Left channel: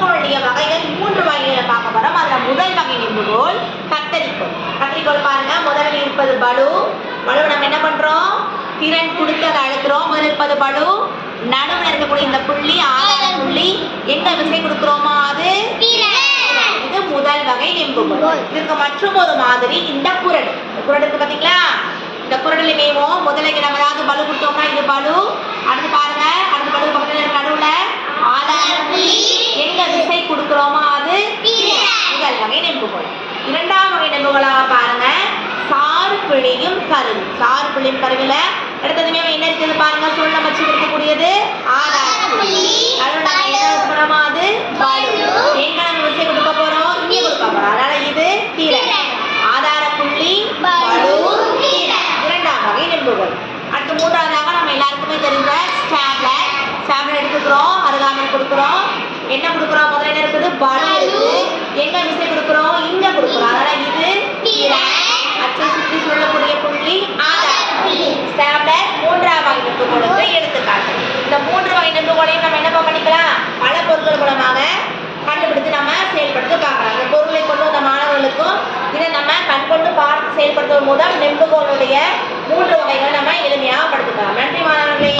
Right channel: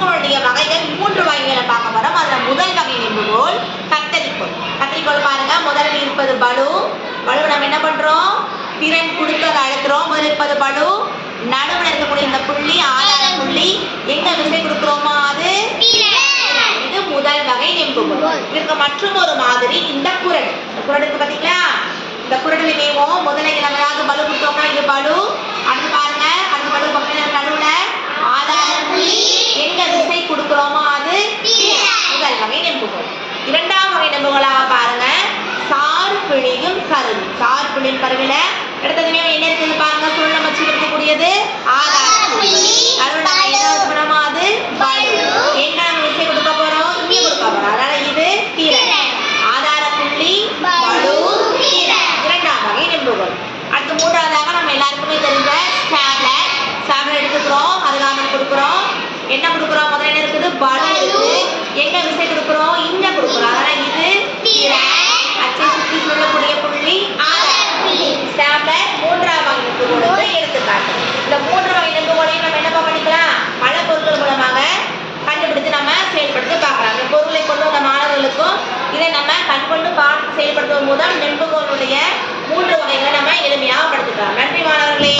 நெம்புகோளுடைய வகைகள் 3 வகைகளை பார்க்க போறோம். அதுல முதல் வகை நெம்புகோல் கத்தரிக்கோல். கத்தரிக்கோல் பாருங்க, முதலில் இருப்பது பலு. பலு நம்ம என்ன பண்றோம், திறன் கொடுத்து அதை அழுத்துறோம். முதலில் இருப்பது பலு, நடுவில் இருக்கக்கூடிய இந்த புள்ளி ஆதார புள்ளி, எங்க விசை கொடுக்கிறோமோ அது இது முதல் வகை நெம்புகோல். இதற்கு மற்றும் ஒரு மாதிரி இந்த குரடு. இந்த குரடு இருக்கு பாத்தீங்களா, இந்த குரடுல மேவும் முதல்ல நம்ம ஏதாவது பலு கொடுத்தோம்னா இது பலு. அடுத்து பாருங்க, அடுத்த பலு பக்கத்துல நடுவுல ஆதார புள்ளி, எங்க விசை கொடுக்கிறோமோ அது முதல் வகை நெம்புகோல். இரண்டாம் வகை நெம்புகோலாக பாருங்க, சாறு பிழியும் கருவி. சாறு பிழியும் கருவில அடுத்ததுமே என்ன இருக்குது பாருங்க, சுழலம் வச்சு இருக்கக்கூடியது ஆதார புள்ளி. நடுவுல நம்ம என்ன பண்ணோமோ அது பலு. எங்க நம்ம விசை கொடுக்க போறோம், இங்க கொடுக்க போறோம். அதனால இது திறன். ஆதார புள்ளி பலு திறன். இரண்டாம் வகை நெம்புகோல். அடுத்து மூன்றாவதாக நம்ம எல்லாருக்குமே தெரிஞ்ச ஸ்டாப்லர். ஸ்டாப்லர் எடுத்துக்கிறோம், அருகாமையில் கொடுக்குறோம். என்ன கொடுக்குறோம், முதல்ல என்ன இருக்குது பலு இருக்கு, எங்க விசை கொடுக்குறோம் இங்க கொடுக்குறோம். அதனால இது திறன். அச்சை சுற்றி சொல்லக்கூடிய புள்ளி ஆதார புள்ளி. ஸ்டாப்லர் மூன்றாம் வகை நெம்புகோலுக்கு எடுத்துக்காட்டு. இந்த 3 வகை நெம்புகோலையும் நம்ம என்ன பண்ணிக்கலாம், பல பொருட்கள் மூலமாக கண்டுபிடித்து நம்ம செயல்படுத்த பார்க்கலாம். இந்த பொருளை கொண்டு வந்த மாணவர்களுக்கும் இதை நம்ம கண்கொண்டு பார்த்து செயல்படுத்துவதன் மூலம் நெம்புகோலுடைய 3 வகைகளை நம்ம எளிமையாக படுத்திக்கலாம். நன்றி மாணவர்களே.